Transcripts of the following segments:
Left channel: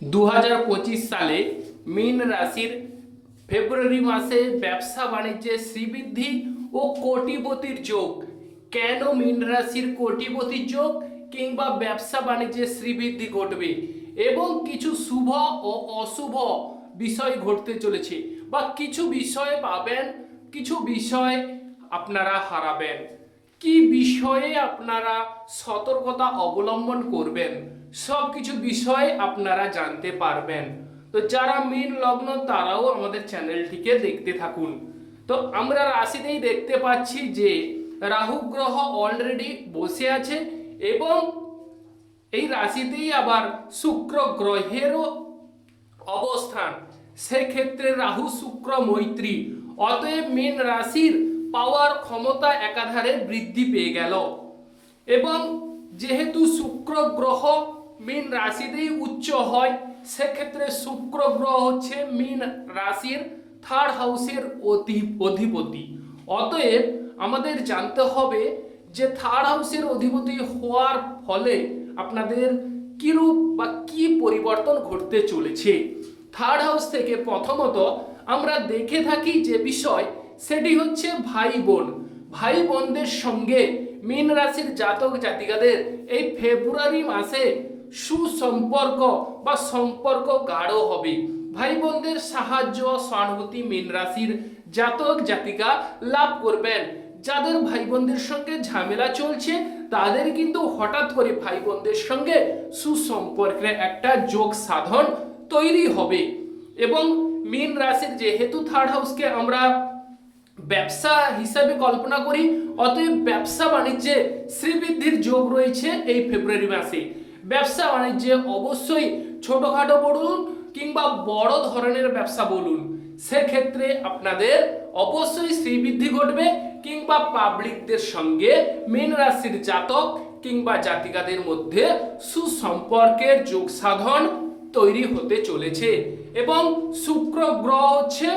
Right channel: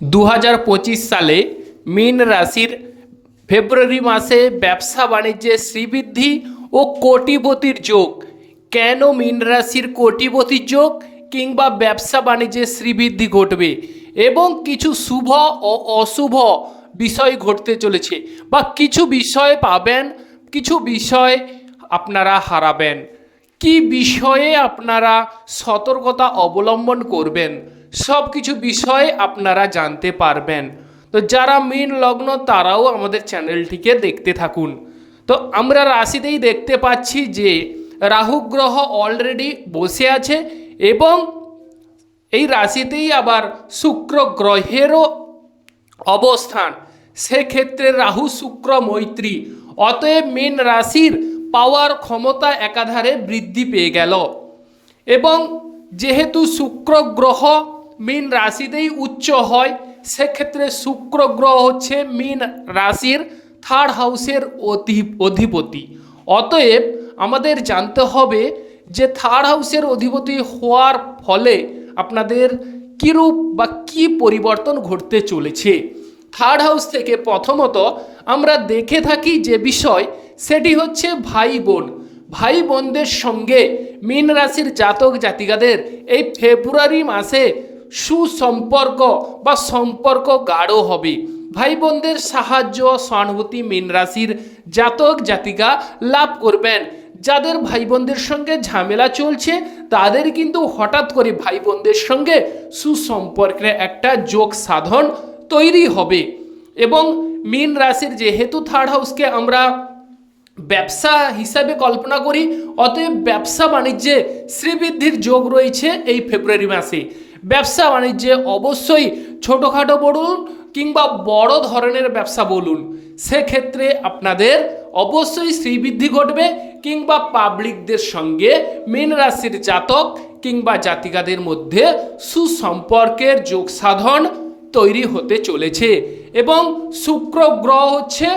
দু হাজার পঁচিশ সালে মীন রাশির ফেব্রুয়ারি মাসে ব্যবসা বাণিজ্যে শ্রীবৃদ্ধি ও কোটিপতির যোগ। কেন মীন রাশির কোটিপতির যোগ কিংবা ব্যবসা বাণিজ্যে শ্রীবৃদ্ধি ঘটবে এবং কিছু শুভ ও অশুভ বিষয় ঘটতে চলেছে বা কিছু বিষয় পাবেন, কিছু বিষয় আপনারা হারাবেন। কি বিষয়ে আপনারা সতর্কতা অবলম্বন করবেন? সব কিছু বিষয়ে আপনারা জানতে পারবেন। তো যারা মীন লগ্ন, তারাও আমাদের চ্যানেলটিকে দেখতে থাকুন। তো আমরা রাশিতেই দেখতে পাচ্ছি যে রাহু গ্রহ অলরেডি বসে আছে এবং এই রাশিতেই আবার শুক্র গ্রহেরও অবস্থান। সেক্ষেত্রে রাহু শুক্র মৈত্রী, অতএব মীন রাশির পাওয়ার ক্ষমতা একাধারে বৃদ্ধি পেয়ে গেল। এবং যেহেতু শুক্র গ্রহ মীন রাশিতেই উচ্চ হয়, সেক্ষেত্রে শুক্র গ্রহ হচ্ছে মীন রাশির থার্ড হাউসের অধি- অধিপতি। অতএব আমাদের জানতে হবে যে থার্ড হাউসের অধিপতি হওয়ার ফলে আপনাদের কীরূপ বা কি পরিবর্তন ঘটতে চলেছে। থার্ড হাউস থেকে প্রথমত আমরা দেখে থাকি যে বিষয়, সেটি হচ্ছে ভাই বোন। ভাই বোনদের সঙ্গে মীন রাশির জাতক জাতিকাদের এই ফেব্রুয়ারি মাসে সুসম্পর্ক বা সম্পর্ক গাঢ় হবে। ভাই বোনদের সাহায্য সহানুভূতি মীন রাশির জাতক জাতিকা লাভ করবেন। যাদের ভাই বোনদের সঙ্গে ঝামেলা চলছে, তাদের কিন্তু হঠাৎ করে ভাই বোনদের সঙ্গে সুসম্পর্কের একটা যোগ সাধন তৈরি হবে। এবং মীন রাশির যেহেতু থার্ড হাউসকে আমরা ব্যবসা হিসাবে কল্পনা করি, অতএব ব্যবসা বাণিজ্যে শ্রীবৃদ্ধির যোগ রয়েছে এই ফেব্রুয়ারি মাসে। ব্যবসা বাণিজ্যে অবশ্যই ছোটোখাটো বলুন কিংবা বড় ধরনের ব্যবসা বলুন, সেক্ষেত্রে আপনাদের অবশ্যই শ্রীবৃদ্ধি ঘটবে কিংবা পাবলিকদের সঙ্গে মীন রাশির জাতক কিংবা জাতিকাদের মধ্যে সুসম্পর্কের যোগ সাধন তৈরি হতে চলেছে এবং শুক্র গ্রহ হচ্ছে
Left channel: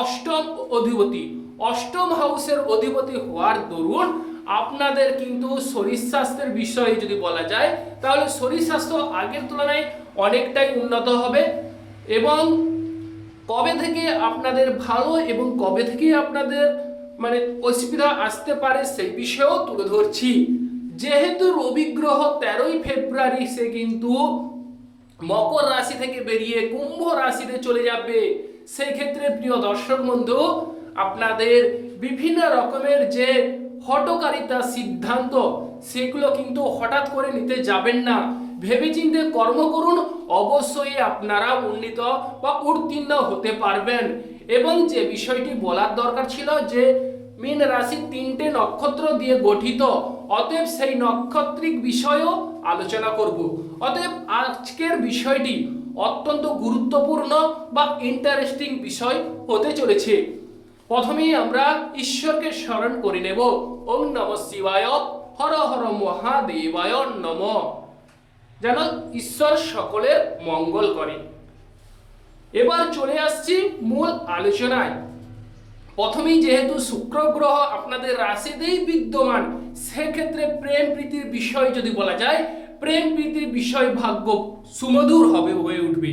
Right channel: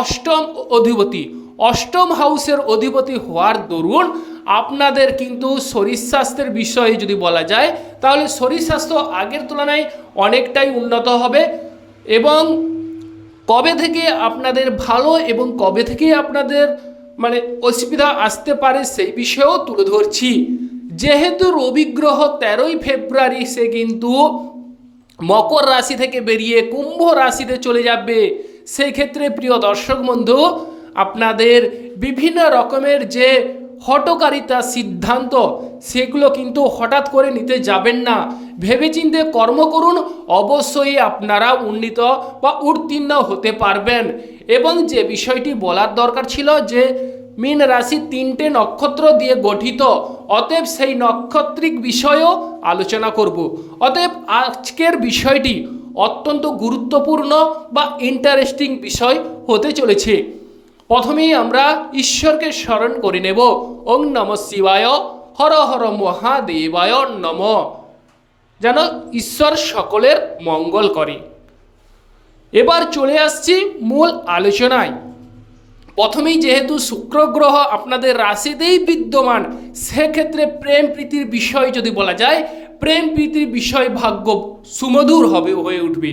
অষ্টম অধিপতি। অষ্টম হাউসের অধিপতি হওয়ার দরুন আপনাদের কিন্তু শরীর স্বাস্থ্যের বিষয়ে যদি বলা যায়, তাহলে শরীর স্বাস্থ্য আগের তুলনায় অনেকটাই উন্নত হবে এবং কবে থেকে আপনাদের ভালো এবং কবে থেকে আপনাদের মানে অসুবিধা আসতে পারে সেই বিষয়েও তুলে ধরছি। যেহেতু রবি গ্রহ তেরোই ফেব্রুয়ারি, সে কিন্তু মকর রাশি থেকে বেরিয়ে কুম্ভ রাশিতে চলে যাবে। সেই ক্ষেত্রে প্রিয় দর্শক বন্ধু, আপনাদের বিভিন্ন রকমের যে হটকারিতা সিদ্ধান্ত, সেগুলো কিন্তু হঠাৎ করে নিতে যাবেন না। ভেবেচিন্তে কর্ম করুন, অবশ্যই আপনারা উন্নীত বা উত্তীর্ণ হতে পারবেন। এবং যে বিষয়টি বলার দরকার ছিল যে, মীন রাশি তিনটে নক্ষত্র দিয়ে গঠিত, অতএব সেই নক্ষত্রিক বিষয়ও আলোচনা করব। অতএব আজকের বিষয়টি অত্যন্ত গুরুত্বপূর্ণ বা ইন্টারেস্টিং বিষয় হতে চলেছে। প্রথমেই আমরা ঈশ্বরকে স্মরণ করে নেব। ওং নম শিবায়, হর হর মহাদেবায় নম। যেন ঈশ্বর সকলের মঙ্গল করে। এবার চলে আসছি মূল আলোচনায়। প্রথমেই যেহেতু শুক্র গ্রহ আপনাদের রাশিতেই বিদ্যমান, সেক্ষেত্রে প্রেম প্রীতির বিষয় যদি বলা যায়, প্রেম প্রীতির বিষয় ভাগ্য সুমধুর হবে হয়ে উঠবে।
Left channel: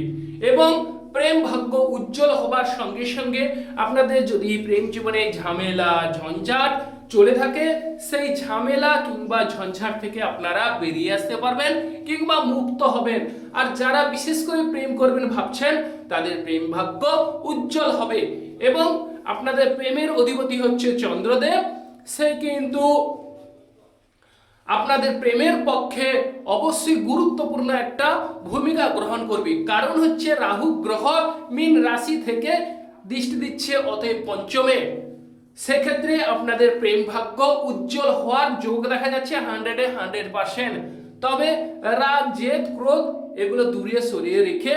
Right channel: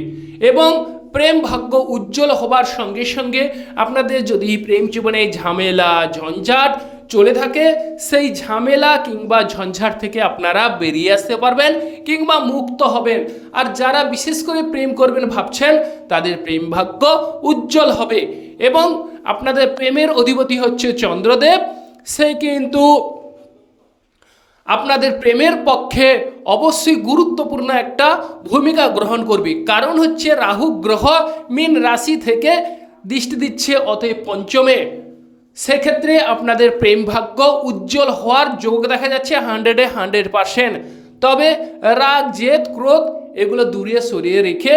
এবং প্রেম ভাগ্য উজ্জ্বল হবার সঙ্গে সঙ্গে আপনাদের যদি প্রেম জীবনে ঝামেলা, ঝঞ্ঝাট চলে থাকে, সেই ঝামেলা কিংবা ঝঞ্ঝাট থেকে আপনারা বেরিয়ে আসতে পারবেন কিংবা মুক্ত হবেন। আর যারা বিশেষ করে প্রেম করবেন ভাবছেন, তাদের প্রেম ভাগ্য উজ্জ্বল হবে। এবং আপনাদের প্রেমের অধিপতি হচ্ছে চন্দ্রদেব। সে কিন্তু আপনাদের প্রেমের পক্ষে অবশ্যই গুরুত্বপূর্ণ একটা ভূমিকা গ্রহণ করবে। কারণ হচ্ছে রাহু গ্রহ মীন রাশি থেকে দৃষ্টি দিচ্ছে অতএব পঞ্চমে। সেক্ষেত্রে আপনাদের প্রেম ভাগ্য উজ্জ্বল হওয়ার যোগ দেখা যাচ্ছে হান্ড্রেডে হান্ড্রেড পারসেন্ট। তবে রাগ, জেদ, ক্রোধ এগুলো দূরে সরিয়ে রেখে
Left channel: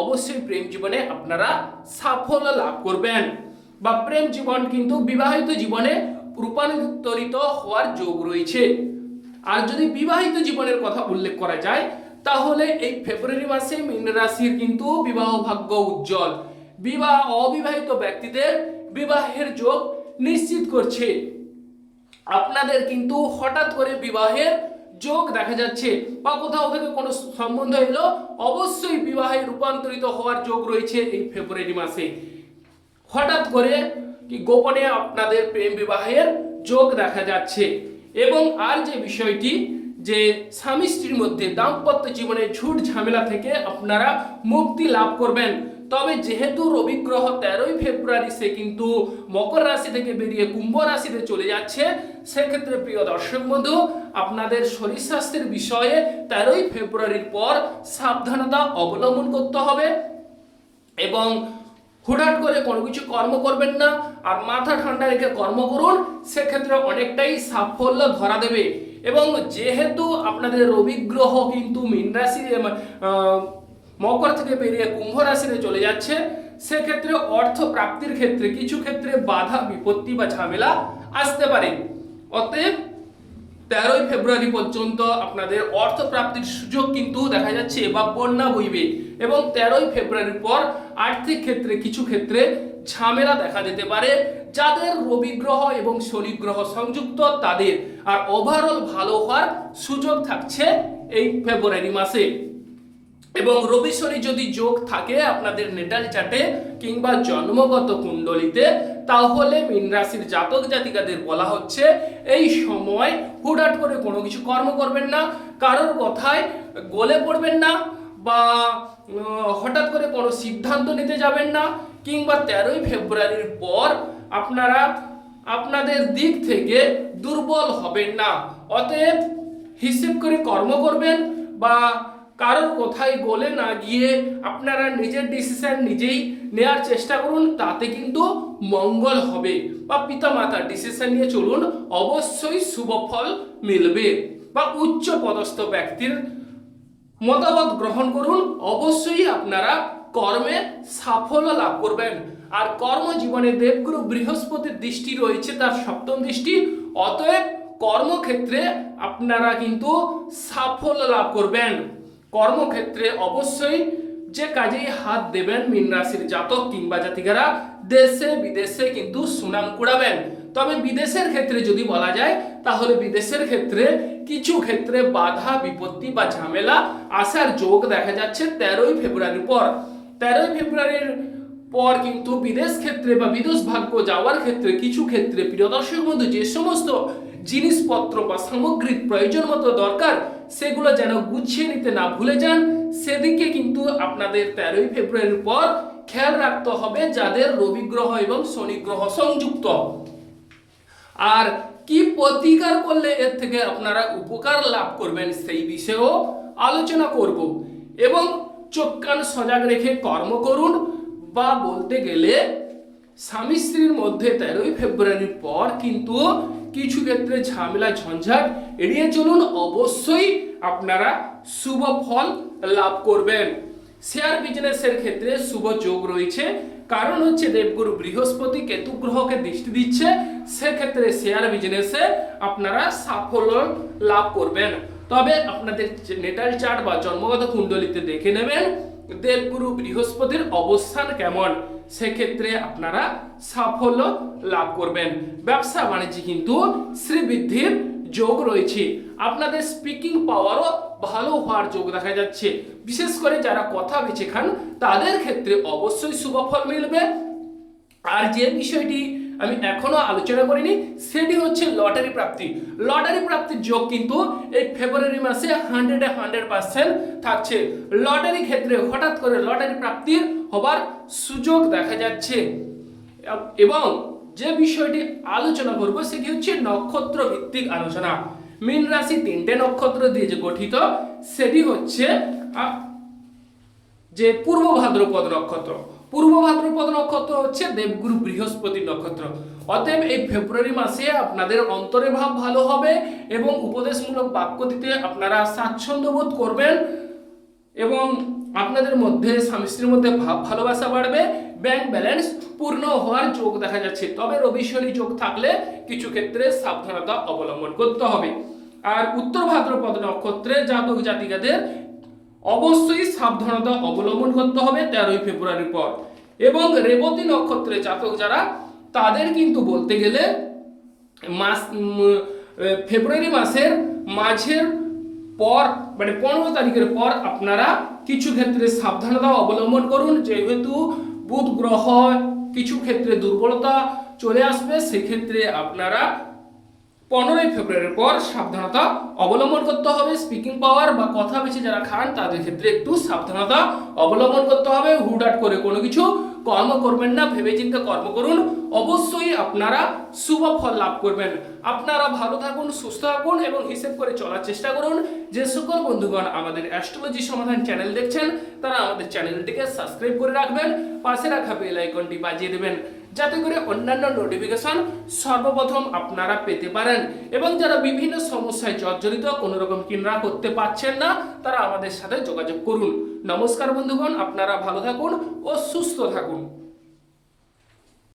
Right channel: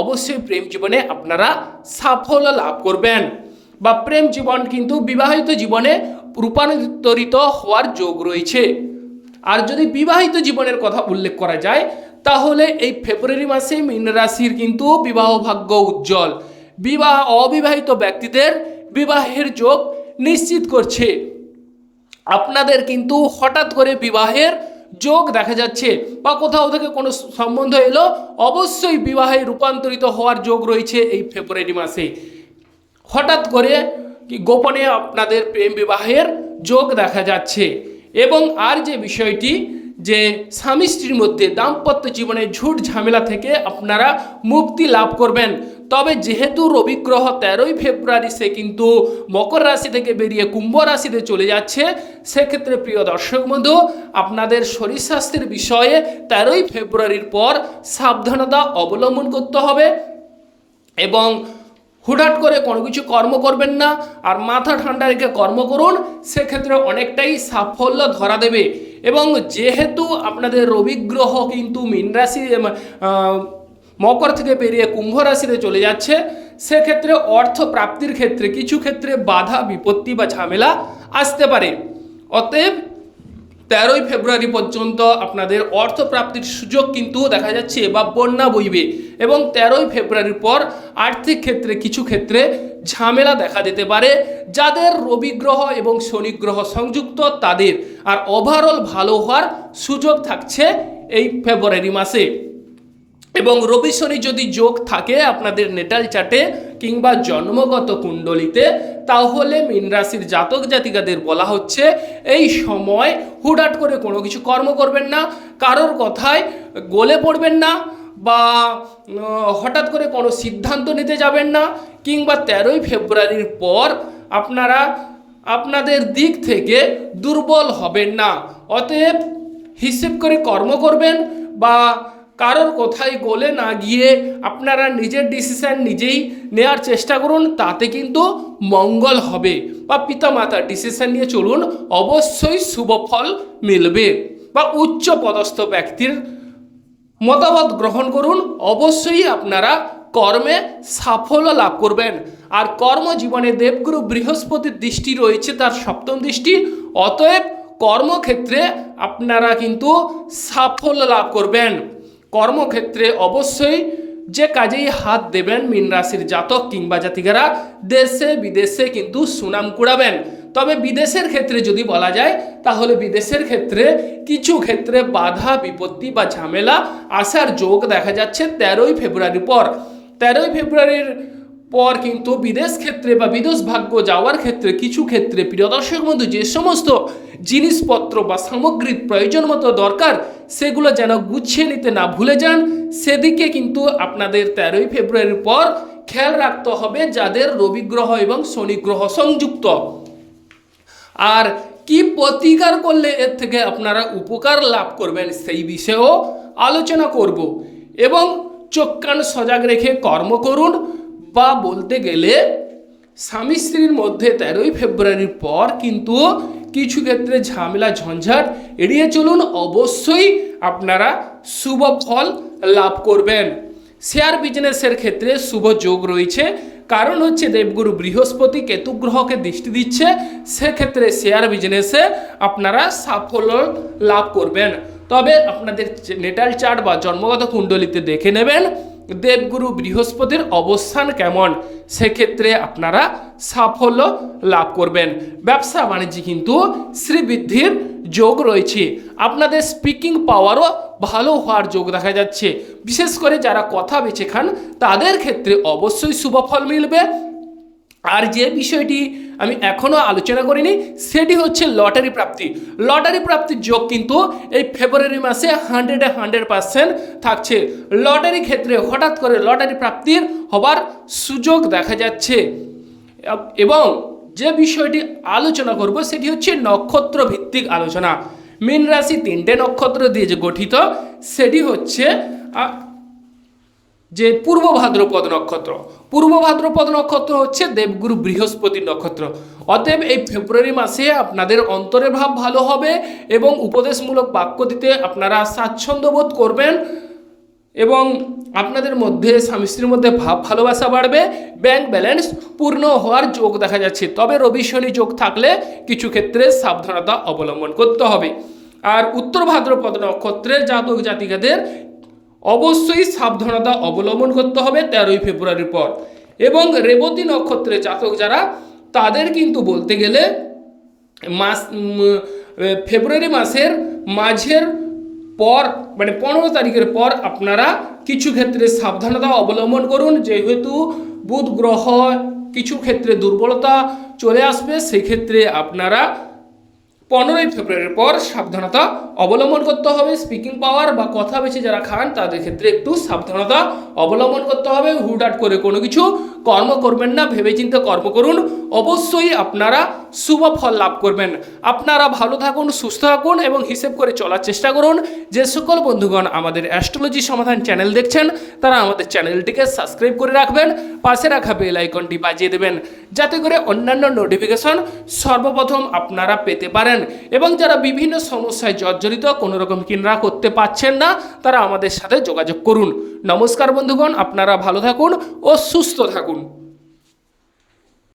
অবশ্যই প্রেম জীবনে আপনারা সাফল্য লাভ করবেন বা প্রেম জীবন কিন্তু বিবাহিত জীবনে রূপান্তরিত হওয়ার যোগ রয়েছে। আর যদি বিবাহিত জীবনের কথা উল্লেখ করা যায়, তাহলে এই ফেব্রুয়ারি মাসে মীন রাশির কিন্তু বিবাহ ভাগ্য উজ্জ্বল। বিবাহ অবিবাহিত ব্যক্তিদের বিবাহের যোগ নিশ্চিত করছে। আপনাদের কিন্তু হঠাৎ করে বিবাহের যোগ দেখা যাচ্ছে বা কোথাও থেকে কোনো সম্বন্ধ এলো, অবশ্যই বিবাহে রূপান্তরিত হওয়ার যোগ রয়েছে এই ফেব্রুয়ারি মাসে। হঠাৎ করে কি গোপনে আপনাদের প্রেম বিবাহের যোগ দেখা যাচ্ছে। এবং আর যে বিষয়টি যে স্বামী স্ত্রীর মধ্যে দাম্পত্য জীবনে ঝুট ঝামেলা থেকে আপনারা মুক্তি লাভ করবেন। তবে যেহেতু রবি গ্রহ তেরোই ফেব্রুয়ারি সে কিন্তু মকর রাশি থেকে বেরিয়ে কুম্ভ রাশিতে চলে যাচ্ছে, সেক্ষেত্রে প্রিয় দর্শক বন্ধু, আপনাদের শরীর স্বাস্থ্যের বিষয়ে তেরোই ফেব্রুয়ারির পর সাবধানতা অবলম্বন করতে হবে এবং হুটহাট করে কোনো কিছু কর্ম করবেন না আর মাথা ঠান্ডা রেখে কর্ম করুন, সেক্ষেত্রে অনেকটাই সাফল্য ধরা দেবে। এবং যেহেতু আপনাদের রবি গ্রহ কিন্তু মীন রাশি মকর থেকে বেরিয়ে কুম্ভ রাশিতে চলে যাচ্ছে, সেক্ষেত্রে অর্থ প্রাপ্তির ক্ষেত্রে কিছু ক্ষেত্রে বাধা, বিপত্তি বা ঝামেলা আসতে পারে। অতএব তেরোই ফেব্রুয়ারি পর্যন্ত আপনাদের অর্থ প্রাপ্তির সুযোগ কিন্তু দেখা যাচ্ছে বা বন্যা বইবে। এবং তেরোই ফেব্রুয়ারির পর আর্থিক ক্ষেত্রে কিছু ক্ষেত্রে ঝামেলা দেখা দিতে পারে। যাদের রবি গ্রহ এবং শনি গ্রহ সংযুক্ত, তাদের আর ওভারঅল ভালো হওয়ার সুযোগ থাকছে এই ফেব্রুয়ারি মাসে। এবং রবি শনি যদি যোগ থাকে আপনাদের নেটাল চার্টে কিংবা জন্মগত কুণ্ডলিতে তাহলে মীন রাশির জাতক জাতিকাদের বলা হচ্ছে, এই সময় হুটহাট করে কোনো কিছু কর্ম করবেন না, কারোর কথায় গলে পড়বেন না বা হঠাৎ করে কোনো সিদ্ধান্ত নিতে যাবেন না, কিংবা তেরোই ফেব্রুয়ারির পর আপনারা, আপনাদের দিক থেকে দুর্বল হবেন না। অতএব হিসেব করে কর্ম করবেন বা কারোর কোথায় গলে না গিয়ে আপনারা নিজের ডিসিশন নিজেই নেওয়ার চেষ্টা করুন, তাতে কিন্তু মঙ্গল হবে। বা পিতামাতার ডিসিশন নিয়ে চলুন, অবশ্যই শুভ ফল মিলবে। বা উচ্চ পদস্থ ব্যক্তির মতামত গ্রহণ করুন, অবশ্যই আপনারা কর্মে সাফল্য লাভ করবেন। আর কর্মজীবনে দেবগুরু বৃহস্পতির দৃষ্টি রয়েছে, তার সপ্তম দৃষ্টি। অতএব কর্মক্ষেত্রে আপনারা কিন্তু সাফল্য লাভ করবেন। কর্মক্ষেত্রে অবশ্যই যে কাজেই হাত দেবেন মীন রাশির জাতক কিংবা জাতিকারা, দেশে বিদেশে কিন্তু সুনাম কুড়াবেন। তবে বিদেশের ক্ষেত্রে যদি বলা যায়, তাহলে বিদেশের ক্ষেত্রে কিছু ক্ষেত্রে বাধা, বিপত্তি বা ঝামেলা আসার যোগ দেখা যাচ্ছে তেরোই ফেব্রুয়ারির পর। তেরোই ফেব্রুয়ারির পর কিন্তু বিদেশ ক্ষেত্রে বা বিদেশ ভাগ্য যাওয়ার ক্ষেত্রে কিছু ক্ষেত্রে প্রিয় দর্শক বন্ধু যে সমস্ত জিনিসপত্র বা সামগ্রিক প্রয়োজন মতো দরকার, সেগুলো যেন গুছিয়ে নিতে না ভুলে যান। সেদিকে কিন্তু আপনাদের তেরোই ফেব্রুয়ারির পর খেয়াল রাখতে হবে যাদের রবি গ্রহ এবং শনি গ্রহ সংযুক্ত। আর কি প্রতিকার করলে এর থেকে আপনারা উপকার লাভ করবেন সেই বিষয়েও আলোচনা করব। এবং চোখ কান সজাগ রেখে কর্ম করুন বা বলতে গেলে স্বামী স্ত্রীর মধ্যে তেরোই ফেব্রুয়ারির পর কিন্তু কিছু ক্ষেত্রে ঝামেলা, ঝঞ্ঝাট এড়িয়ে চলুন। অবশ্যই আপনারা শুভ ফল লাভ করবেন। শেয়ার বিজনেসের ক্ষেত্রে শুভ যোগ রয়েছে। কারণ হচ্ছে দেবগুরু বৃহস্পতি কেতু গ্রহকে দৃষ্টি দিচ্ছে। সেক্ষেত্রে শেয়ার বিজনেসে আপনারা সাফল্য লাভ করবেন। তবে আপনাদের নেটাল চার্ট বা জন্মগত কুণ্ডলিতে দেখে নেবেন দেবগুরু বৃহস্পতির অবস্থান কেমন। সেক্ষেত্রে আপনারা সাফল্য লাভ করবেন। ব্যবসা বাণিজ্যে কিন্তু শ্রীবৃদ্ধির যোগ রয়েছে। আপনাদের স্পিকিং পাওয়ারও ভালো হওয়ার যোগ দেখা যাচ্ছে। বিশেষ করে যারা কথা বেছে খান, তাদের ক্ষেত্রে অবশ্যই শুভ ফল মিলবে। আর যে বিষয়টি আমি এখনও আলোচনা করিনি, সেটি হচ্ছে লটারি প্রাপ্তি। লটারি প্রাপ্তির যোগ কিন্তু এই ফেব্রুয়ারি মাসে হান্ড্রেডে হান্ড্রেড পার্সেন্ট থাকছে। লটারি ক্ষেত্রে হঠাৎ করে লটারি প্রাপ্তির হবার সুযোগ দেখা যাচ্ছে। এবং যে বিষয়টি আলোচনা করব, সেটি হচ্ছে নক্ষত্র ভিত্তিক আলোচনা। মীন রাশি তিনটে নক্ষত্র দিয়ে যে গঠিত, সেটি হচ্ছে যে পূর্ব ভাদ্রপদ নক্ষত্র। পূর্ব ভাদ্রপদ নক্ষত্র হচ্ছে দেবগুরু বৃহস্পতি নক্ষত্র। অতএব এই ফেব্রুয়ারি মাসে আপনাদের অন্তরের ভাব ভালো হবে এবং উপদেশমূলক বাক্য দিতে আপনারা স্বাচ্ছন্দ্য বোধ করবেন এবং আপনাদের মধ্যে স্বামী স্ত্রীর মধ্যে ভাব ভালোবাসা বাড়বে। ব্যাংক ব্যালেন্স পূর্ণ হওয়ার যোগ দেখা যাচ্ছে। তবে রবি শনি যোগ থাকলে কিছু ক্ষেত্রে সাবধানতা অবলম্বন করতে হবে। আর উত্তর ভাদ্রপদ নক্ষত্রের জাতক জাতিকাদের অবশ্যই সাবধানতা অবলম্বন করতে হবে তেরোই ফেব্রুয়ারির পর। এবং রেবতী নক্ষত্রের জাতক যারা, তাদের কিন্তু বলতে গেলে মাস ফেব্রুয়ারি মাসের মাঝের পর মানে পনেরো তারিখের পর আপনারা কিছু ক্ষেত্রে সাবধানতা অবলম্বন করুন। যেহেতু বুধ গ্রহ কিছু ক্ষেত্রে দুর্বলতা চলে আসবে, সেক্ষেত্রে আপনারা পনেরোই ফেব্রুয়ারির পর সাবধানতা অবলম্বন করতে হবে। স্পিকিং পাওয়ার বা কথা বেশি যারা খান, তাদের ক্ষেত্রে একটু সাবধানতা অবলম্বন করতে হবে। হুটহাট করে কোনো কিছু কর্ম করবেন না, ভেবেচিন্তে কর্ম করুন। অবশ্যই আপনারা শুভ ফল লাভ করবেন। আপনারা ভালো থাকুন, সুস্থ থাকুন এবং হিসেব করে চলার চেষ্টা করুন। যে সকল বন্ধুগণ আমাদের অ্যাস্ট্রোলজি সমাধান চ্যানেল দেখছেন, তারা আমাদের চ্যানেলটিকে সাবস্ক্রাইব করে রাখবেন, পাশে রাখা বেল আইকনটি বাজিয়ে দেবেন, যাতে করে অন্যান্য নোটিফিকেশন সর্বপ্রথম আপনারা পেতে পারেন। এবং যারা বিভিন্ন সমস্যায় জর্জরিত কোনো রকম কিনরা করতে পারছেন না, তারা আমাদের সাথে যোগাযোগ করুন। নমস্কার বন্ধুগণ, আপনারা ভালো থাকুন ও সুস্থ থাকুন।